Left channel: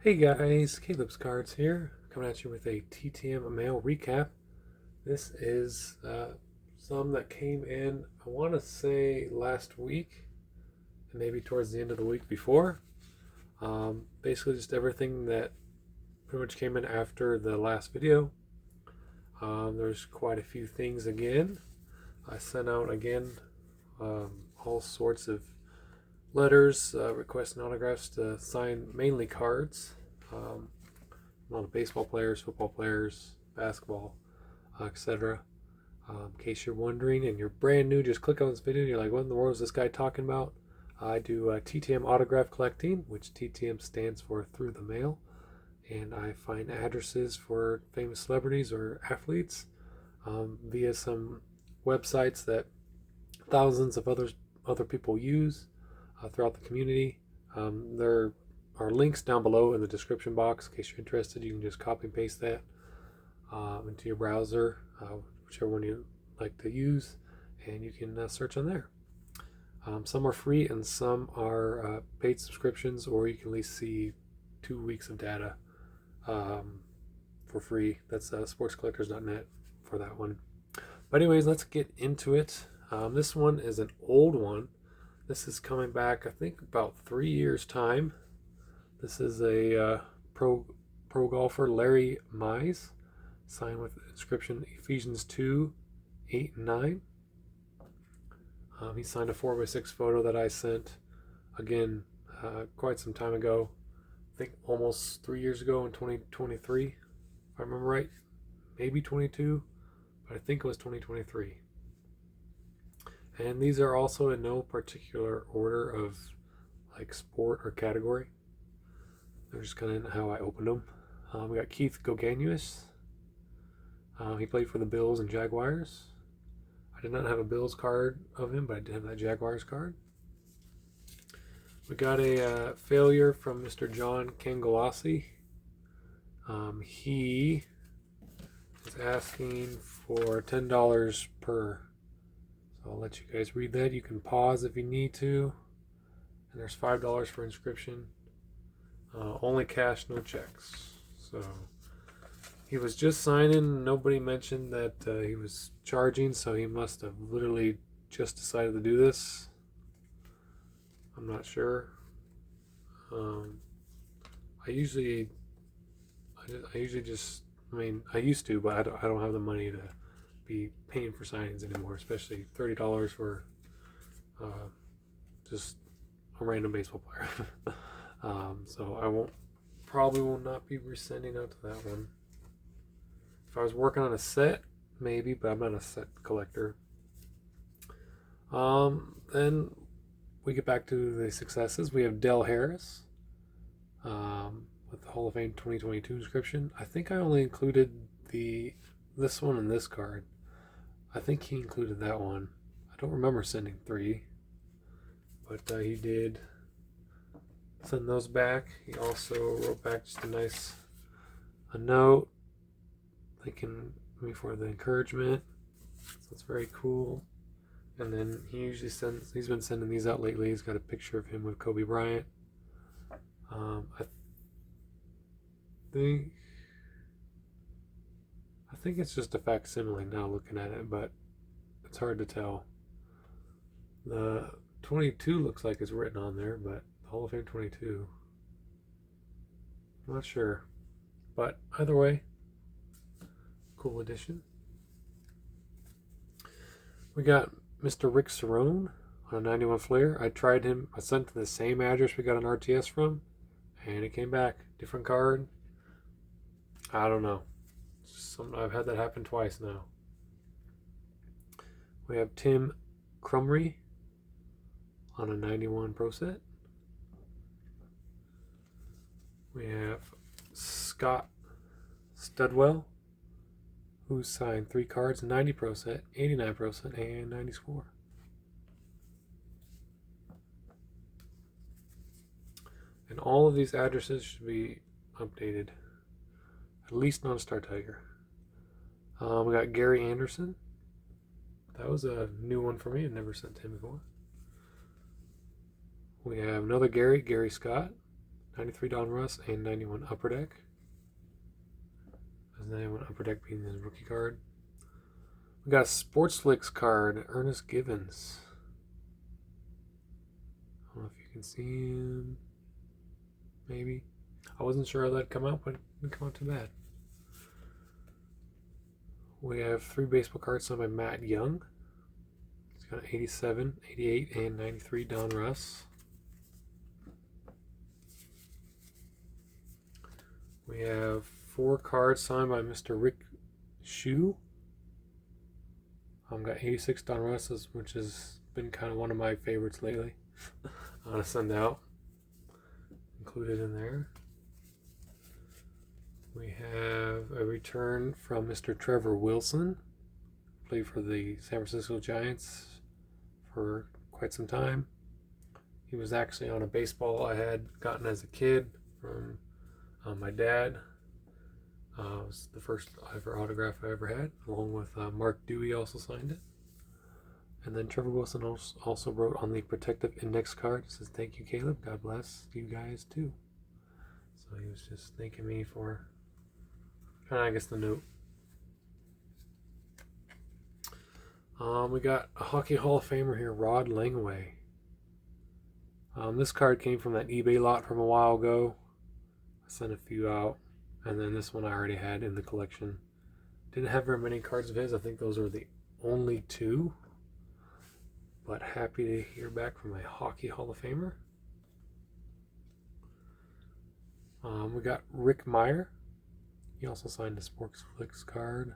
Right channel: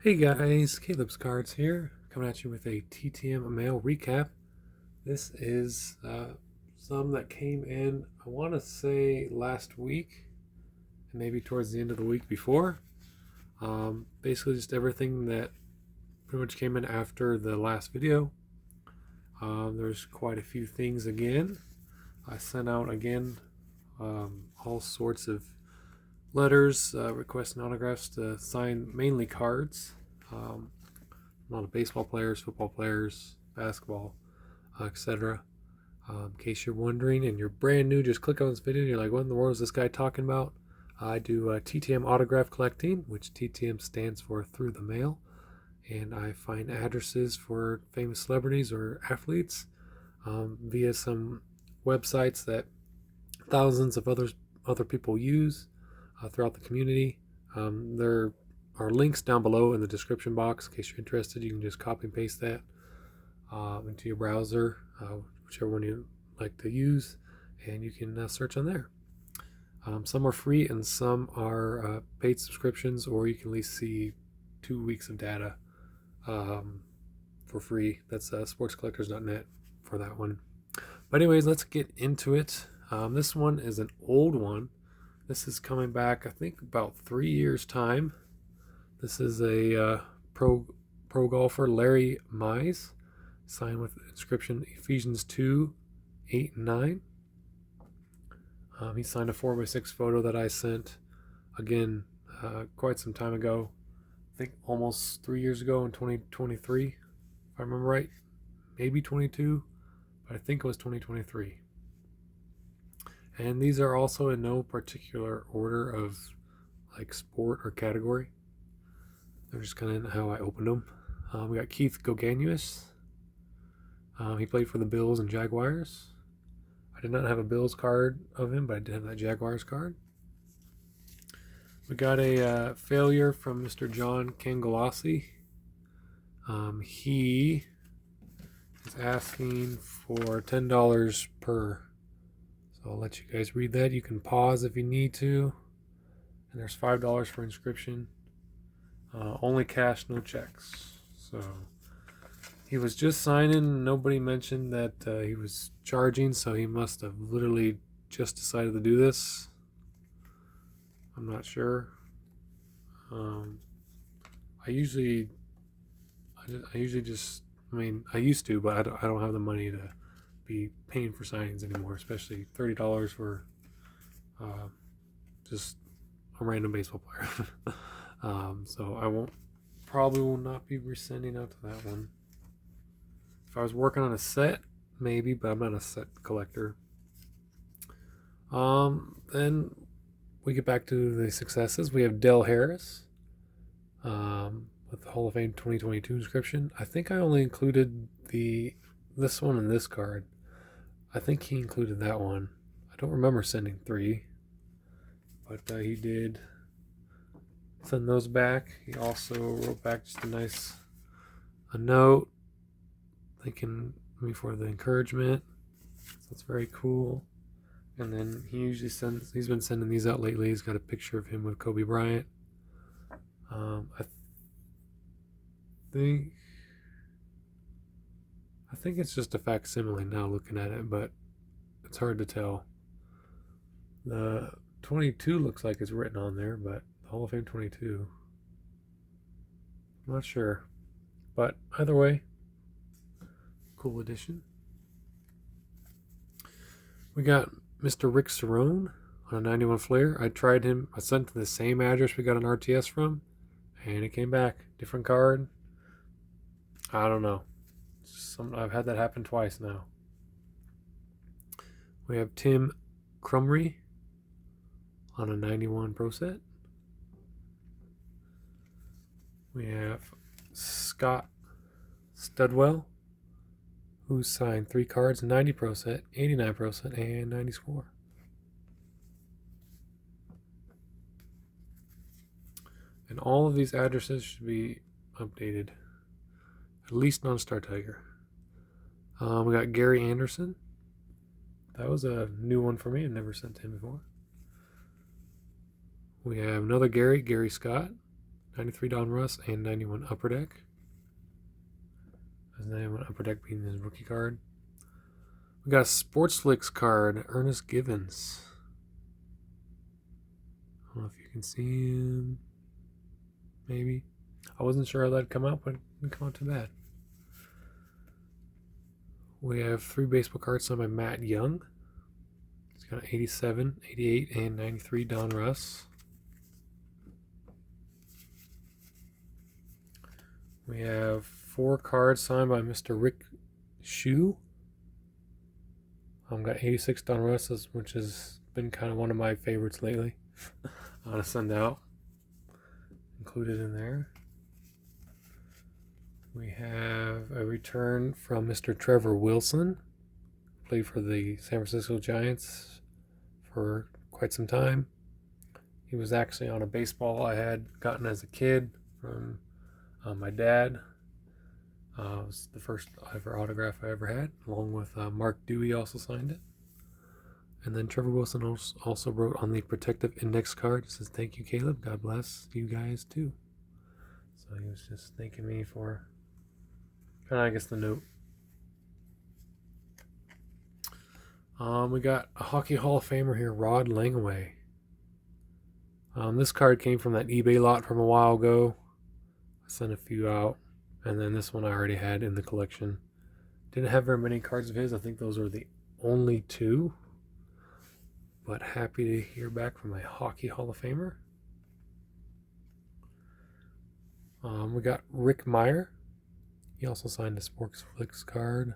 Hey guys, calebscards here, coming at you with a TTM mail recap. This is some that came in, I want to say last week, and maybe towards the end of the week before. Basically, just everything that pretty much came in after the last video. There's quite a few things again. I sent out again all sorts of letters requesting autographs to sign mainly cards. A lot of baseball players, football players, basketball, etc. In case you're wondering and you're brand new, just click on this video and you're like, what in the world is this guy talking about? I do TTM autograph collecting, which TTM stands for through the mail, and I find addresses for famous celebrities or athletes via some websites that thousands of other people use throughout the community. There are links down below in the description box in case you're interested. You can just copy and paste that into your browser, whichever one you like to use, and you can search on there. Some are free and some are paid subscriptions, or you can at least see 2 weeks of data for free. That's sportscollectors.net for that one. But anyways, let's get into it. This one is an old one. This is coming back, I think, about 3 years' time. This is a pro golfer, Larry Mize, signed with the inscription Ephesians 2, 8, and 9. He signed a 4x6 photo that I sent, again, quite some time ago. I think almost 3 years ago in 2023, if I remember right. Maybe 22, but I think it was 2023. And these are also in no particular order of like sport or category. They're just kind of how I opened them. We got Keith Goganuis. He played for the Bills and Jaguars. I did not have a Bills card of him, but I did have that Jaguars card. We got a failure from Mr. John Cangalasi. He is asking for $10 per. So I'll let you guys read that. You can pause if you need to. And there's $5 for inscription. Only cash, no checks. So he was just signing. Nobody mentioned that he was charging, so he must have literally just decided to do this. I'm not sure. I usually just, I used to, but I don't have the money to be paying for signings anymore, especially $30 for just a random baseball player. So I probably will not be resending out to that one. If I was working on a set, maybe, but I'm not a set collector. Then we get back to the successes. We have Del Harris with the Hall of Fame 2022 inscription. I think I only included this one and this card. I think he included that one. I don't remember sending 3, but he did send those back. He also wrote back just a note thanking me for the encouragement. So that's very cool. And then he's been sending these out lately. He's got a picture of him with Kobe Bryant. I think it's just a facsimile now looking at it, but it's hard to tell. The 22 looks like it's written on there, but the Hall of Fame 22, I'm not sure. But either way, cool addition. We got Mr. Rick Cerrone on a 91 Flair. I tried him. I sent to the same address we got an RTS from, and it came back. Different card. I don't know. I've had that happen twice now. We have Tim Crumry on a 91 Pro Set. We have Scott Studwell, who signed 3 cards, 90 Pro Set, 89 Pro Set, and 90 score. And all of these addresses should be updated, at least non-Star Tiger. We got Gary Anderson. That was a new one for me. I've never sent to him before. We have another Gary Scott, 93 Donruss, and 91 Upper Deck. 91 Upper Deck being his rookie card. We got a Sports Flicks card, Ernest Givens. I don't know if you can see him. Maybe. I wasn't sure that'd come out, but it didn't come out too bad. We have 3 baseball cards signed by Matt Young. He's got 87, 88, and 93 Donruss. We have 4 cards signed by Mr. Rick Shue. Got 86 Donruss, which has been kind of one of my favorites lately. I'm going to send out. Included in there. We have a return from Mr. Trevor Wilson. Played for the San Francisco Giants for quite some time. He was actually on a baseball I had gotten as a kid from my dad. It was the first ever autograph I ever had, along with Mark Dewey also signed it. And then Trevor Wilson also wrote on the protective index card. It says, "Thank you, Caleb. God bless you guys too." So he was just thanking me for kind of, I guess, the note. We got a Hockey Hall of Famer here, Rod Langaway. This card came from that eBay lot from a while ago. I sent a few out, and then this one I already had in the collection. Didn't have very many cards of his. I think those are the only 2. But happy to hear back from a Hockey Hall of Famer. We got Rick Meyer. He also signed a Sports Flicks card.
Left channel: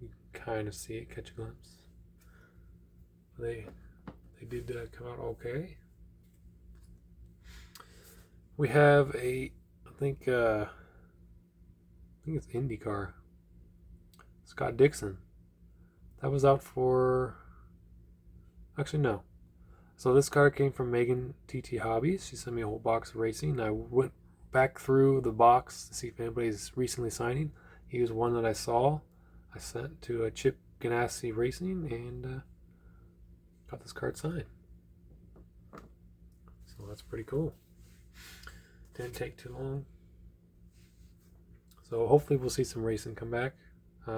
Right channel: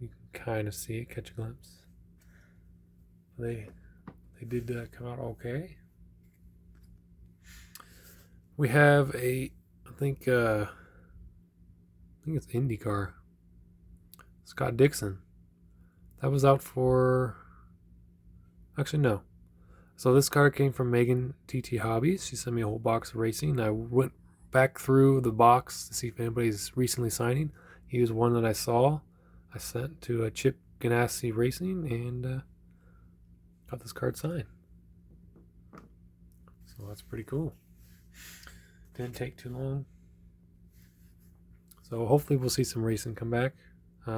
You can kind of see it, catch a glimpse. They did come out okay. We have I think it's IndyCar. Scott Dixon. That was out for... Actually, no. So this card came from Megan TT Hobbies. She sent me a whole box of racing. I went back through the box to see if anybody's recently signing. He was one that I saw. I sent to Chip Ganassi Racing and got this card signed. So that's pretty cool. Didn't take too long. So hopefully we'll see some racing come back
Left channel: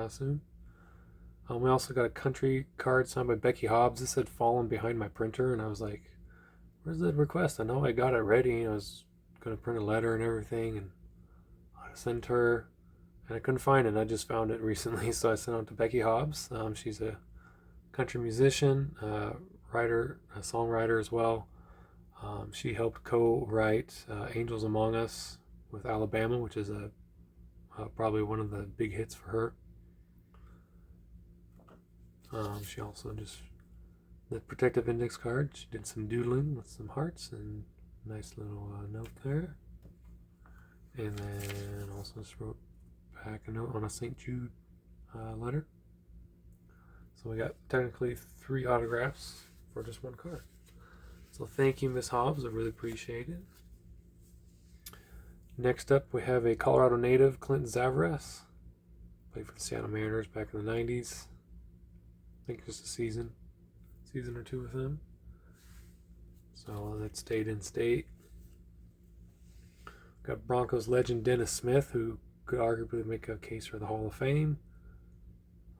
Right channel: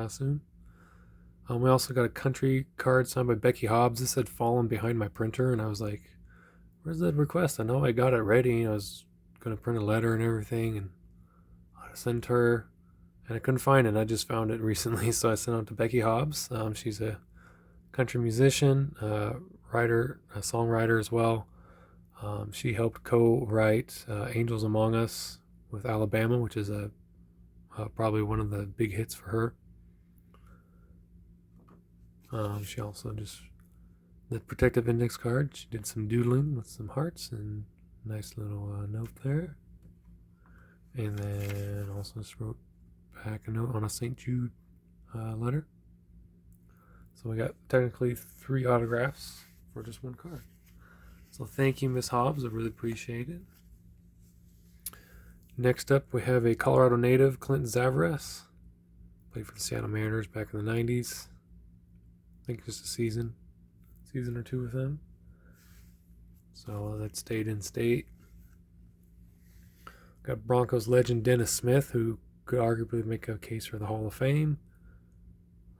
soon. We also got a country card signed by Becky Hobbs. This had fallen behind my printer, and I was like, where's that request? I know I got it ready. I was going to print a letter and everything and send her, and I couldn't find it. And I just found it recently, so I sent it to Becky Hobbs. She's a country musician, writer, a songwriter as well. She helped co-write Angels Among Us with Alabama, which is probably one of the big hits for her. She also just, the protective index card, she did some doodling with some hearts and nice little note there. And then also just wrote back a note on a St. Jude letter. So we got technically 3 autographs for just 1 card. So thank you, Miss Hobbs. I really appreciate it. Next up, we have a Colorado native, Clint Zavares. Played for the Seattle Mariners back in the 90s. I think just a season or 2 with them. So that stayed in state. Got Broncos legend Dennis Smith, who could arguably make a case for the Hall of Fame.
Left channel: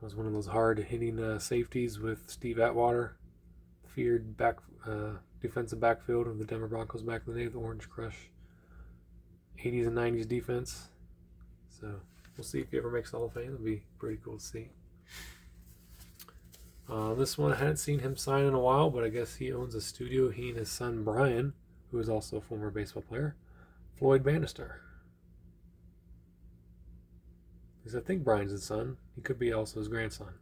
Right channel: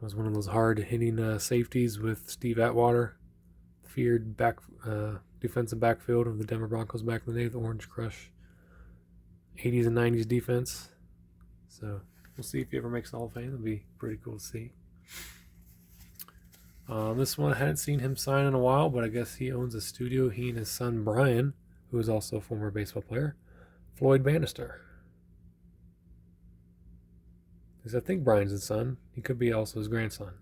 Was one of those hard-hitting safeties with Steve Atwater. Feared defensive backfield of the Denver Broncos back in the day, the Orange Crush 80s and 90s defense. So we'll see if he ever makes the Hall of Fame. It'll be pretty cool to see. This one I hadn't seen him sign in a while, but I guess he owns a studio. He and his son Brian, who is also a former baseball player, Floyd Bannister. Because I think Brian's his son. He could be also his grandson,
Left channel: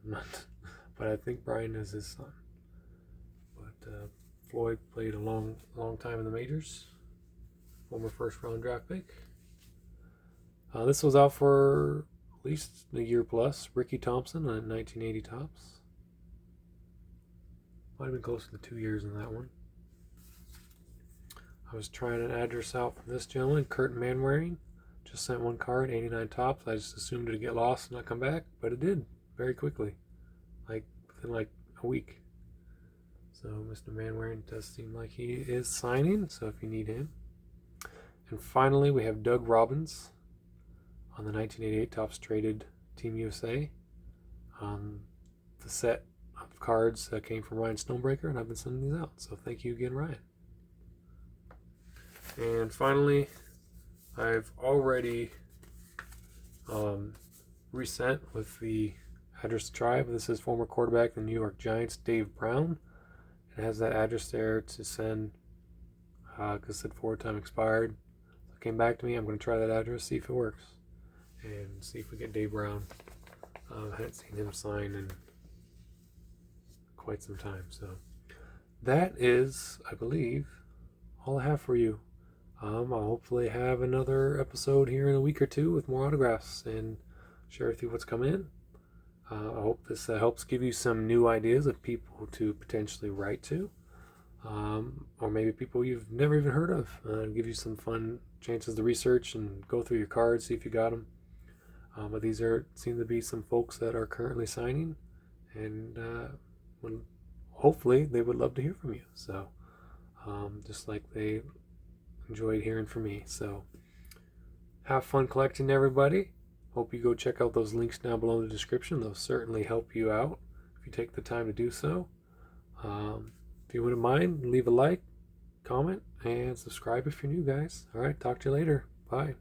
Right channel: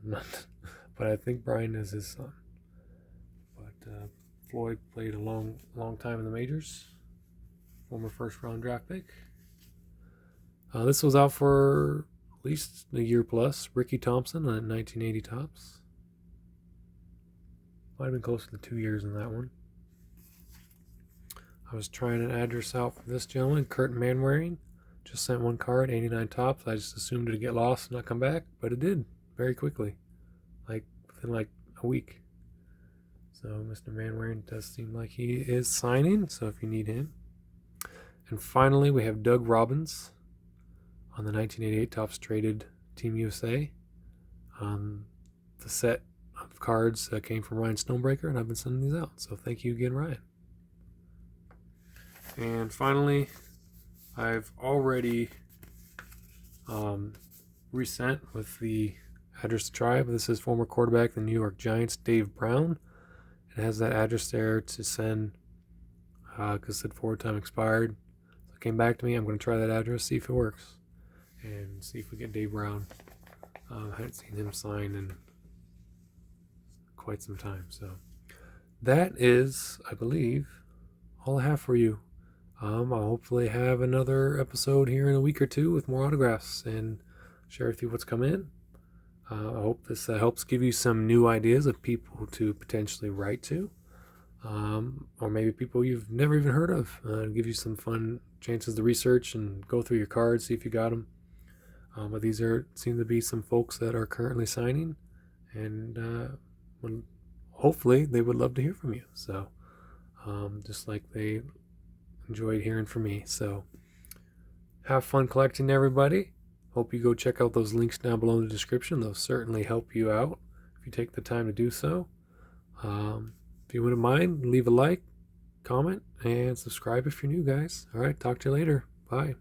but I think Brian is his son. But Floyd played a long time in the majors. Former first-round draft pick. This was out for at least a year plus. Ricky Thompson on 1980 Topps. Might have been closer to 2 years in that one. I was trying an address out from this gentleman, Kurt Manwaring. Just sent 1 card, 89 Topps. I just assumed it'd get lost and not come back, but it did very quickly, within a week. So Mr. Manwaring does seem like he is signing. So if you need him, And finally, we have Doug Robbins on the 1988 Topps Traded Team USA. The set of cards came from Ryan Stonebreaker, and I've been sending these out. So thank you again, Ryan. And finally, I've already resent with the address to Tribe. This is former quarterback of the New York Giants, Dave Brown. It has that address there to send because it said forward time expired. So it came back to me. I'm going to try that address, see if it works, and see if we get Dave Brown. I hadn't seen him sign in quite some time. So that is, I believe, all I have for you. I'll hopefully have another episode here in a week or two with more autographs and share with you what's come in. I hope this helps give you some new ideas of people to potentially write to, or maybe people you've never even heard of. Give you some fun chances to research and go through your cards, see if you got them. But these seem to be some folks that are currently signing, and hopefully they would love to hear from you. So just like they enjoyed hearing from me. So have fun collecting, everybody. Hope you go check out those links down below in the description. They'll certainly help you out if you take the time to do so. If you wouldn't mind, leave a like, comment, and subscribe if you're new, guys. All right, talk to you later. Bye.